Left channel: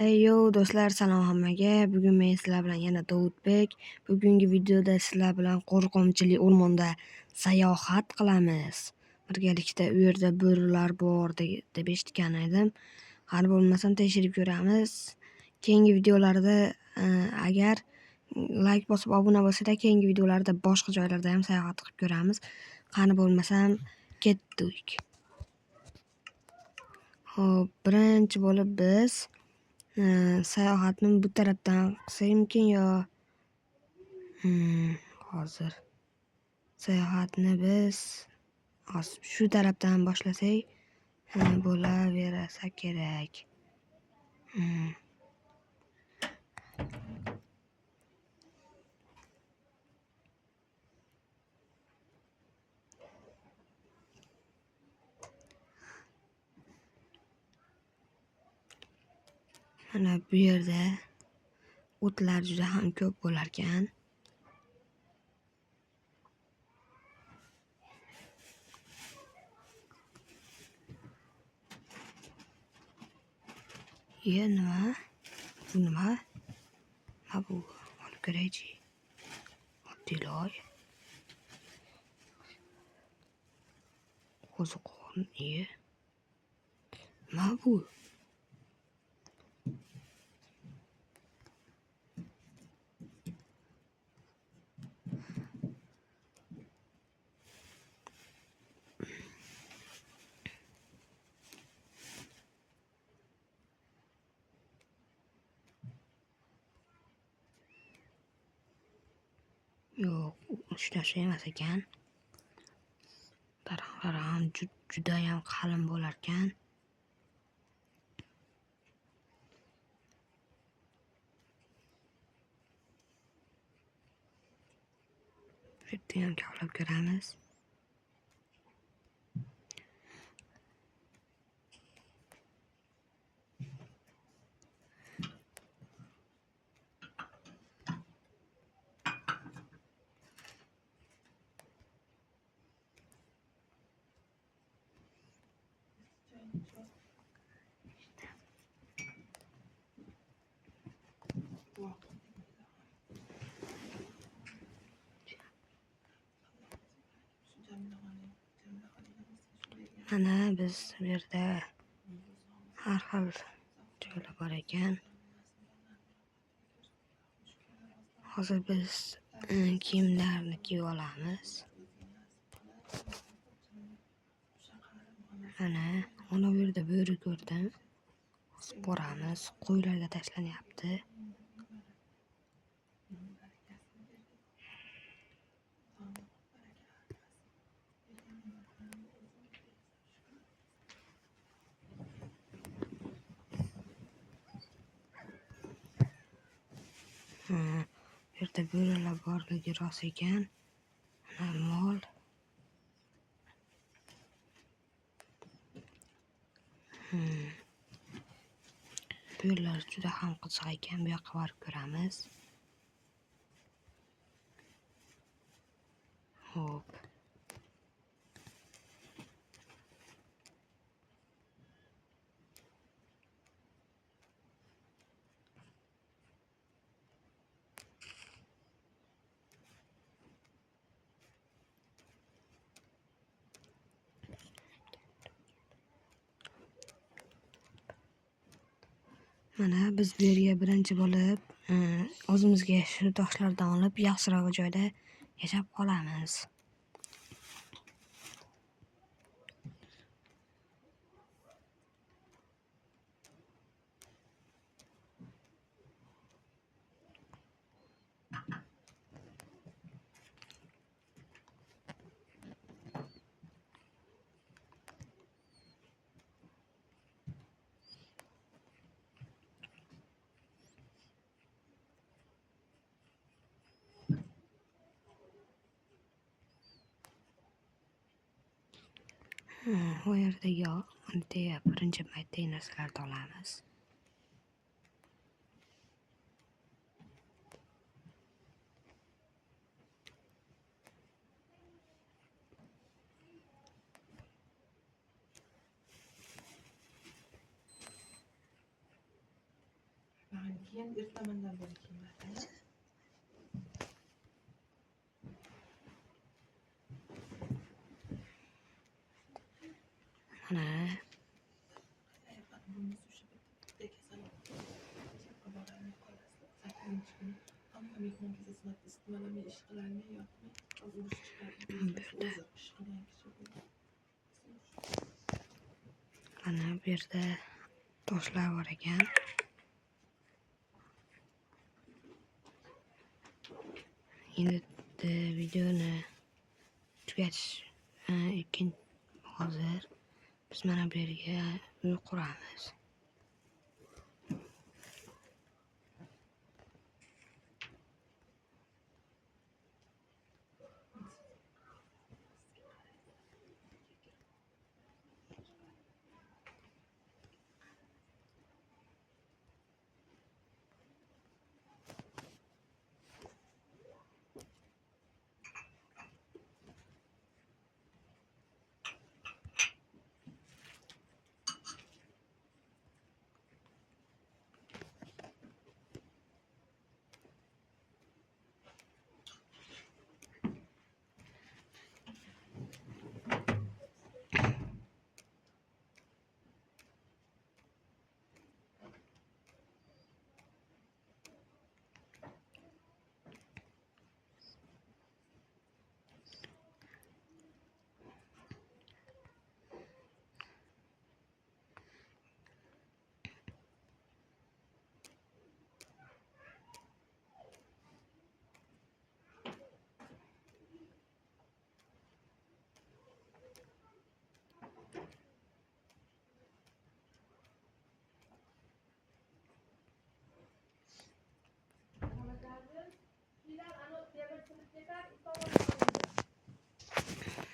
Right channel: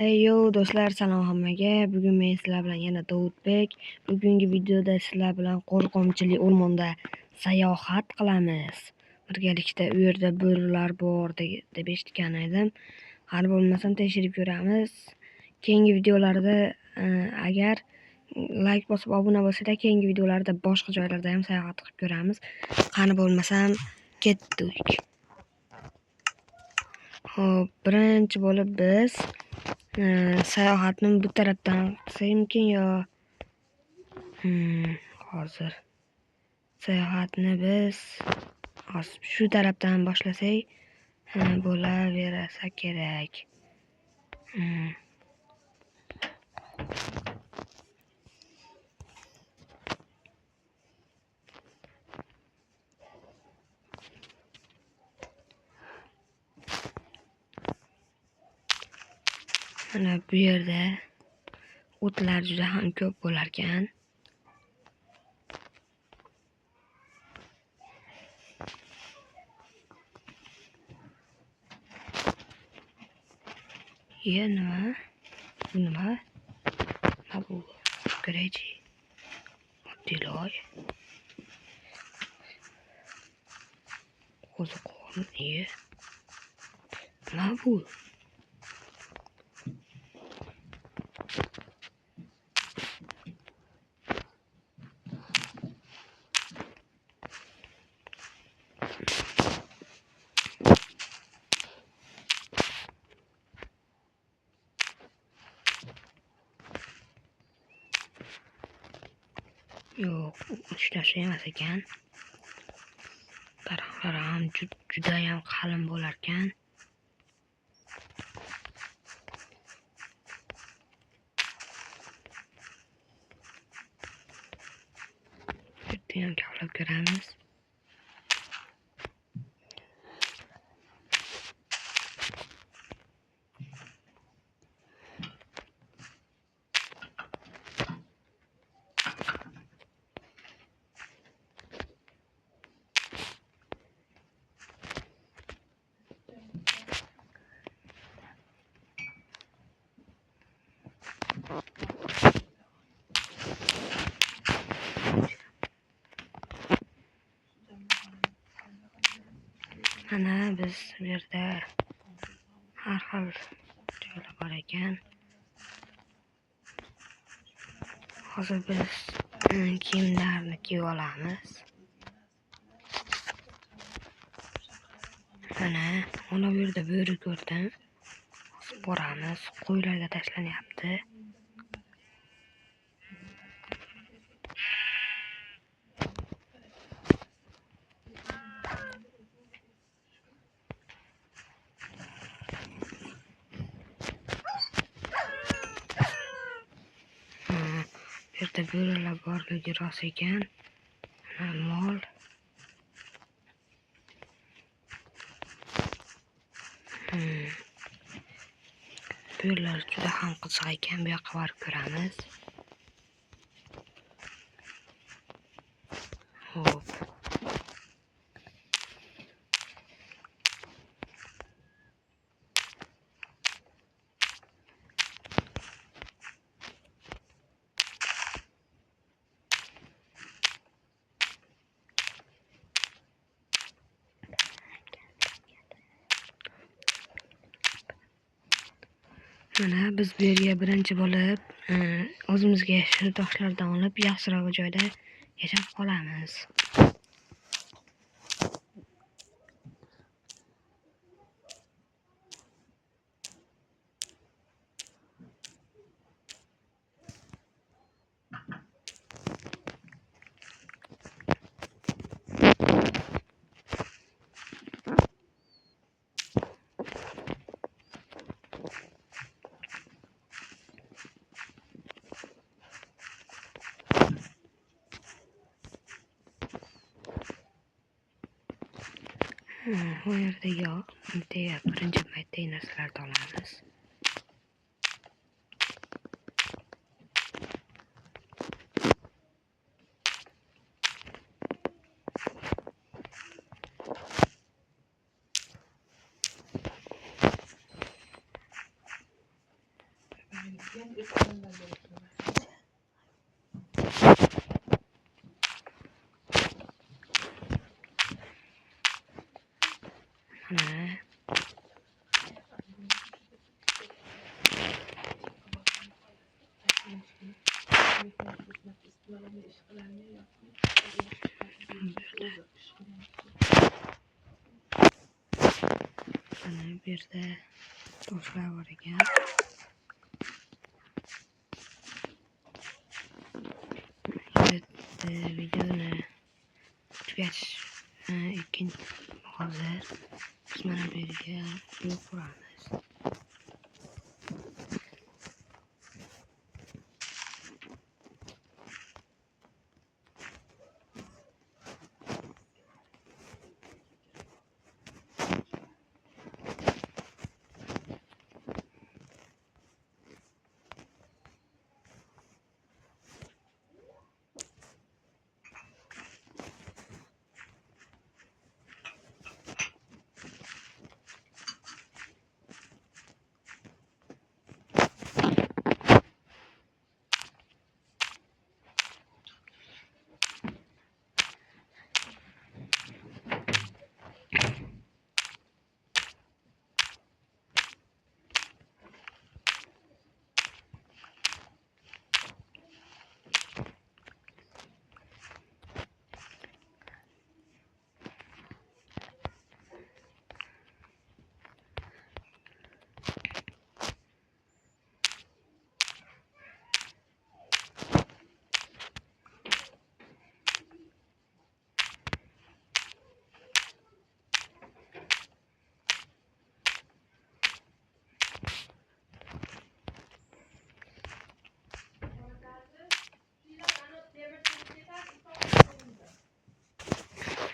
Yo do'stlar, salom hammaga. Bugun men sizlar bilan yana Davudbek. Bugungi videoda sizlar bilan qo'rqinchli o'rmonda sayohat qilamiz. Birgalikda u yerda bo'rilar bor deb eshitgan edim. Hali bo'lmasam tekshirib ko'ramiz. Keyingi videolarda agar like bosib obuna bo'lsanglar, keyingi videolarda boshqa joylarda ham sayohat qilib ko'ramiz. Qani bo'lmasam ketdik. Xo'p, birinchi bo'lib biz sayohatni bu tarafdan qilsakmikin yo hozir sayohatni biz shu tarafdan boshlasak bo'laversa kerak. Mana bu yerda o'tlar juda ham ko'p bo'lar ekan. Nima? Bu nima? Nima bu? Qaraychi. Oddiy qo'ziqorin. Nima bu? Yo'q, hech narsa emas ekan. Daraxtlar ham juda ham qalin bo'lar ekan. Bitta ham kavlab ko'ramiz. Mana biz bu yerda har xil joylar bor ekan. Hozir biz kiyimlarni kiyib olamiz. Mana bu yerda bo'ri ko'rdim. Boramiz, qo'ylarga tashlanyapti. Bu yerda bo'rilar borligi rost ekan. Mol. Bo'rilar juda ham qiziq ekan. Bu yoqqa borib ko'ramiz. Xo'p. Mana biz bu yerga birinchi bo'lib o'zimizga shu toshlardan olib yaxshiroq joyda yashab qolamiz. Bu yerda birinchi paytda narsalarni olamiz. Mana bu yerda toshlar bor ekan. Videoni tugatish hozir biz mana bu yerga uy quramiz.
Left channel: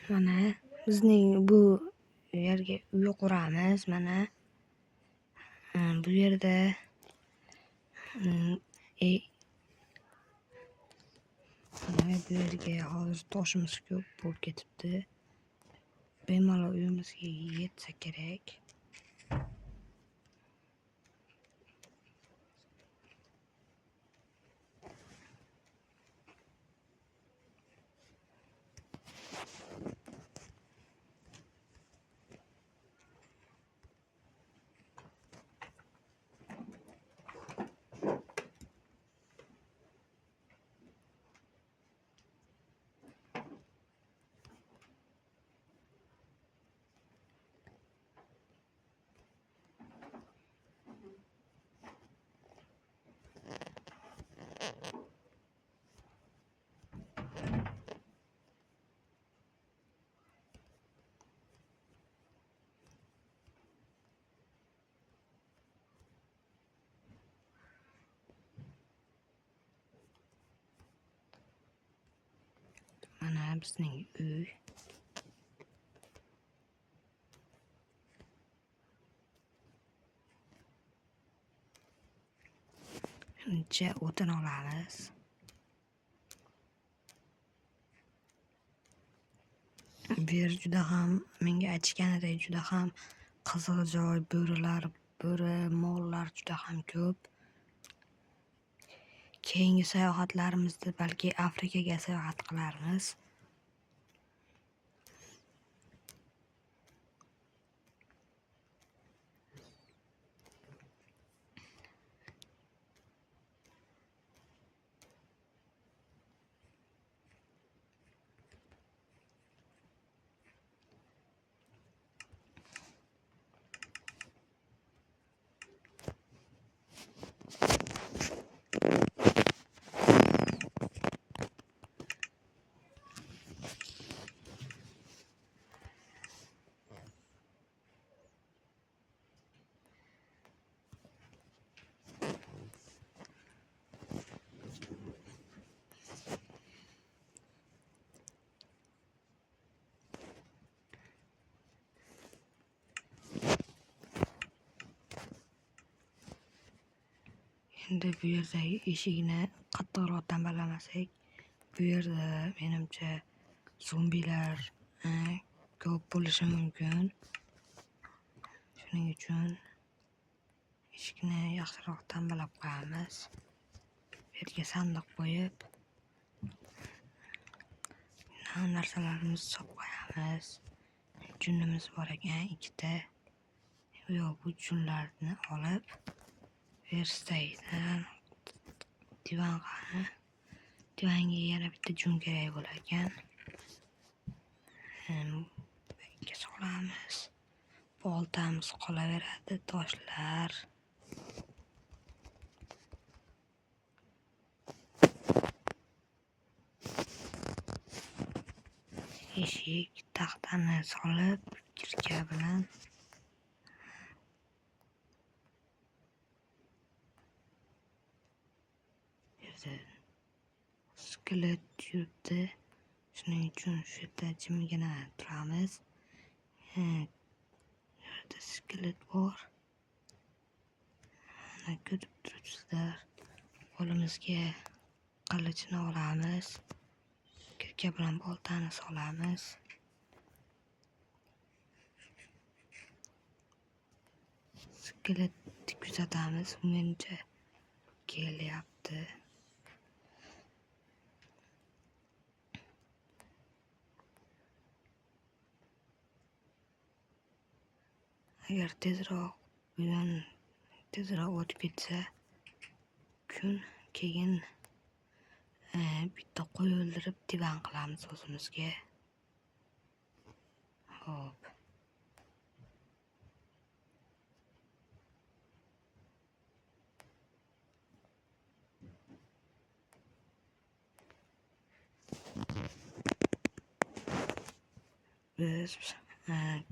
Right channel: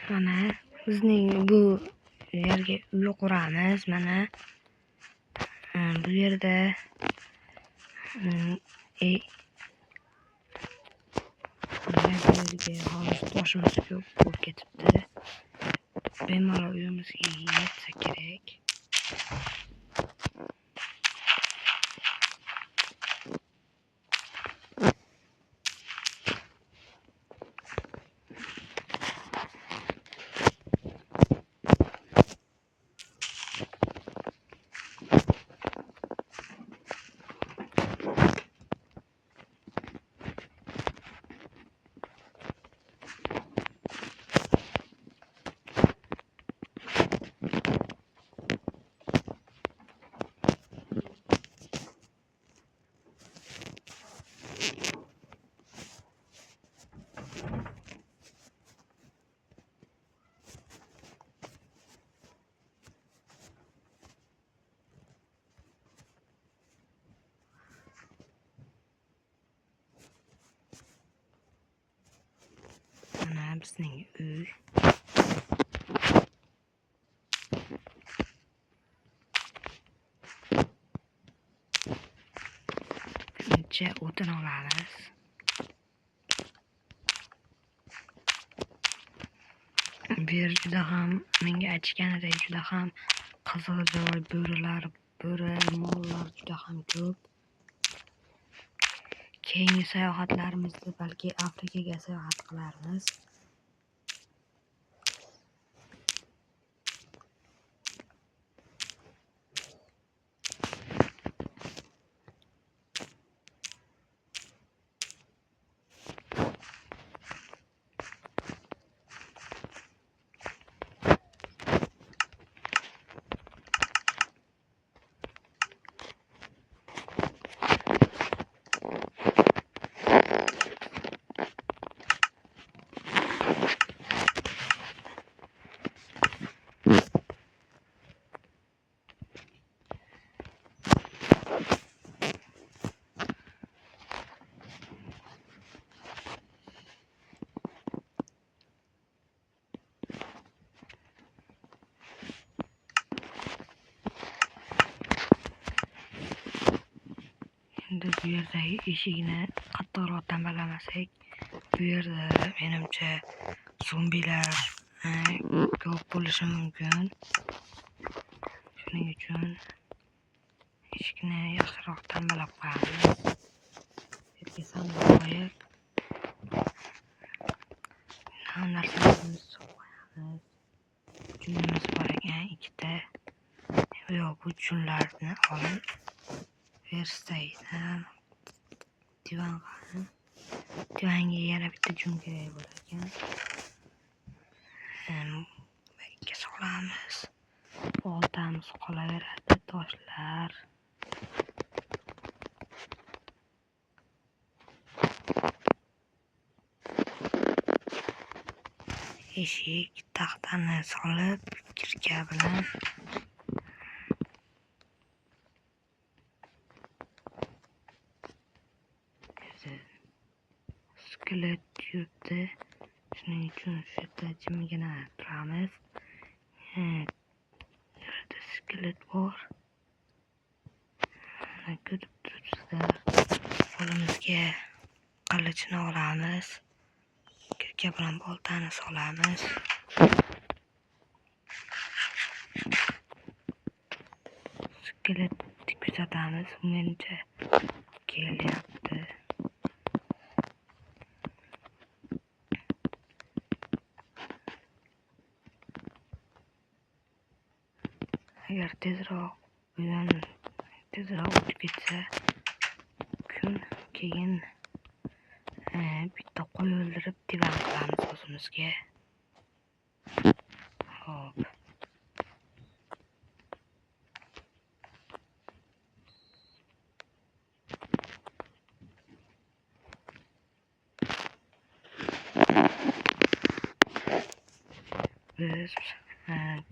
Mana bizning bu yerga uy quramiz. Mana bu yerda bu yerga hozir toshimiz ko'p bo'lib ketibdi. Bemalol uyimizga yetsa kerak. Mana bizning uy. Buncha o'tin olamiz. Bu yer juda ham menga aytishganidek juda ham qiziq joy, bo'ri, mollar juda ham ko'p. Keyingi sayohatlarimizda balki Afrikaga sayohat qilarmiz. Endi bu yerdagi eshikni qattiqroq tambalamasak, bu yerda menimcha zombilar ko'p bo'lishi mumkin. Shuning uchun eshikni yaxshiroq tambalab qo'yamiz. Bu yerga sandiq qo'yib, narsalarimizni solib qo'yamiz. Junimiz bor ekan, ikkita. Bu junlarni olib, verstaydan divanga yana bitta jun kerak bo'lar ekan. Bakka solamiz. Boltamiz qolaveradi, toshlar. Eshik taxtani solib, kirka bilan skelet yuribdi. Shuning uchun shu yerda jimgina turamiz. Yerda skelet bor. Mana ko'rib turibsizlar. Qo'limizga qilichni olamiz. Kirka bilan boltani solamiz. Skeletni kuzatamiz. Menimcha kelyapti. Agar tezroq o'tib ketsa kun, keyin bitta qo'y o'ldirib divan qilamiz o'zimizga. Hop. Biz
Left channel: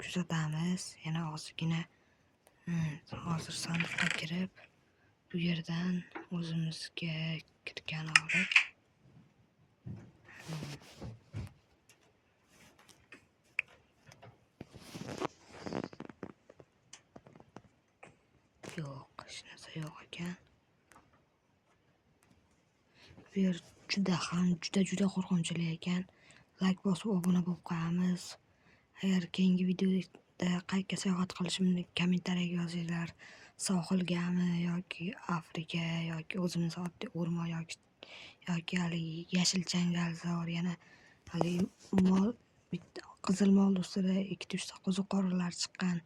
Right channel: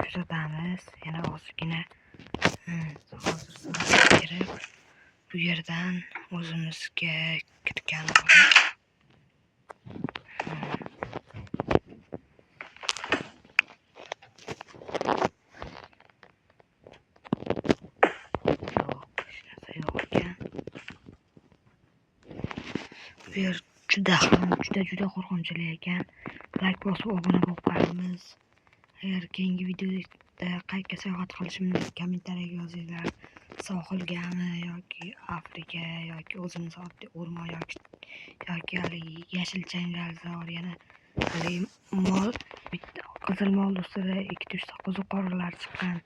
kuzatamiz. Yana ozgina hozir sanasiga kirib, bu yerdan o'zimizga kirgan olib hech narsa yo'q ekan. Bu yer juda qo'rqinchli ekan. Like bosib obuna bo'lib qolamiz. Agar keyingi videoda qayerga sayohat qilishimni kommentariyaga yozinglar. Sohilgami yoki Afrika yoki o'zimiz oddiy o'rmon yoki yashil changalzor, yana bitta qizil mol ustida 2-3 ta qo'ziqorinlar chiqqan.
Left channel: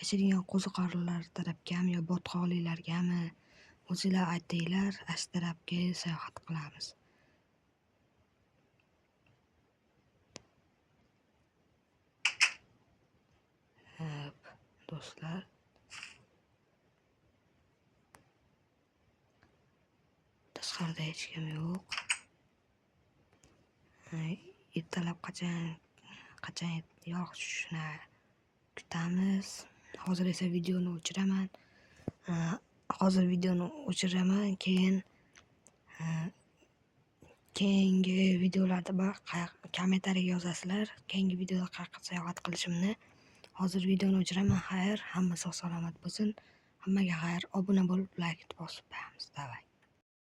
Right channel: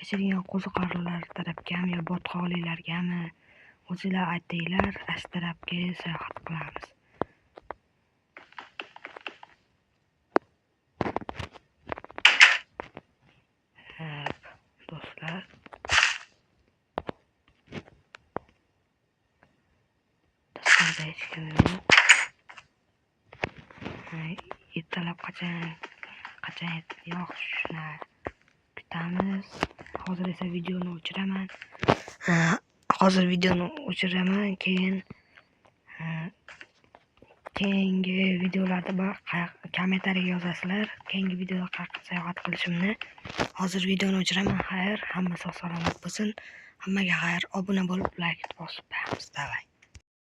Yashiringan qo'ziqorinlar tarafgami yo botqoqlilargami? O'zinglar aytinglar, shu tarafga sayohat qilamiz. Do'stlar, tashqarida hech kim yo'q. Ertalab qachon yog'ishini kutamiz. Hozir esa videoni o'chiraman. Keyingi videolarda kommentariyaga yozasizlar. Keyingi videoda qayerga sayohat qilishimni. Hozir videoni o'chiraman. Xayr, hamma sog' salomat bo'lsin. Hammaga xayr. Obuna bo'lib, like bosib qo'yamiz. Davay.